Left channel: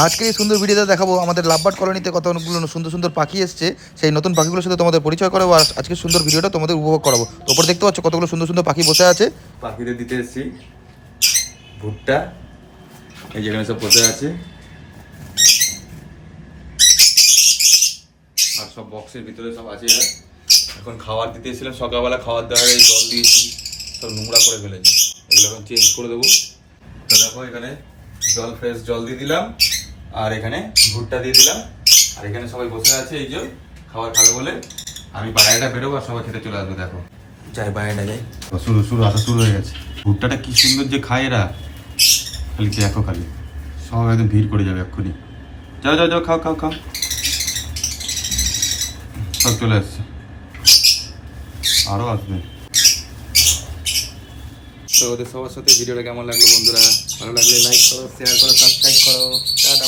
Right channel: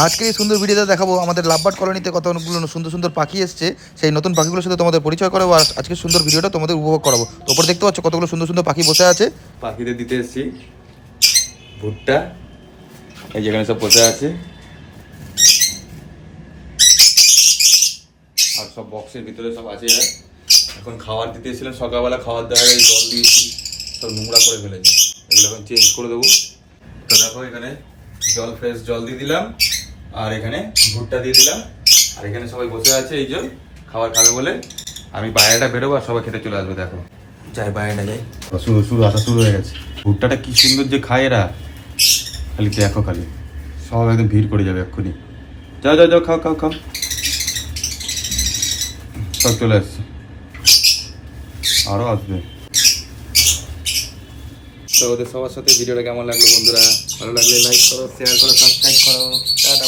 আজকে এই সুন্দর ভিডিওতে দেখাবো আমাদের লাভবার্ড কলোনিতে কতগুলো সুন্দর সুন্দর পাখি এসছে। সেই নতুন পাখিগুলোর সাথে তোমাদের পরিচয় করাবো আর আজকে সুন্দর ভিডিওটা তোমাদের উপভোগ করাবো। তো ওপরে দেখতে পাচ্ছ কতগুলো সুন্দর সুন্দর পাখি বসে আছে। পাখিদের দিতে এসেছি ভুট্টা, এই যেখানে সব বসে আছে, আর সব বক্সের ভিতরে সব আছে। আর এখন খাবার দিতে এসেছিলাম, সকালবেলা খাবার দেওয়ার জল দিয়েছি, সব নোংরা করে ফেলেছি, এগুলো এখন চেঞ্জ করে দেবো। তো দেখো এখানে ফ্রেশ জল দিয়ে দিলাম, আর এখানে ভুট্টা দিয়ে দিলাম, আর এখানে সবাই বসে আছে এই যে খাবার খাবে বলে। আমি বাইরেটা বেরোবো আর সবাই খেতে চলে আসবে। দেখো যাই বাইরেটা যাই, আসা শুরু হয়ে গেছে। ভুট্টাটা কি সুন্দর যে খায় এরা, খালি দেখো, খালি সব একদম ভিড় করে যাবে এক্ষুনি। যাও যাও যাও, খাও খাও খাও, সব চলে আসছে, আরো আসবে। তো ওদের সবার সাথে ভিডিওটা কেমন লাগলো বন্ধুরা? ভালো লাগলে লাইক করো, শেয়ার করো, সাবস্ক্রাইব করো। টাটা।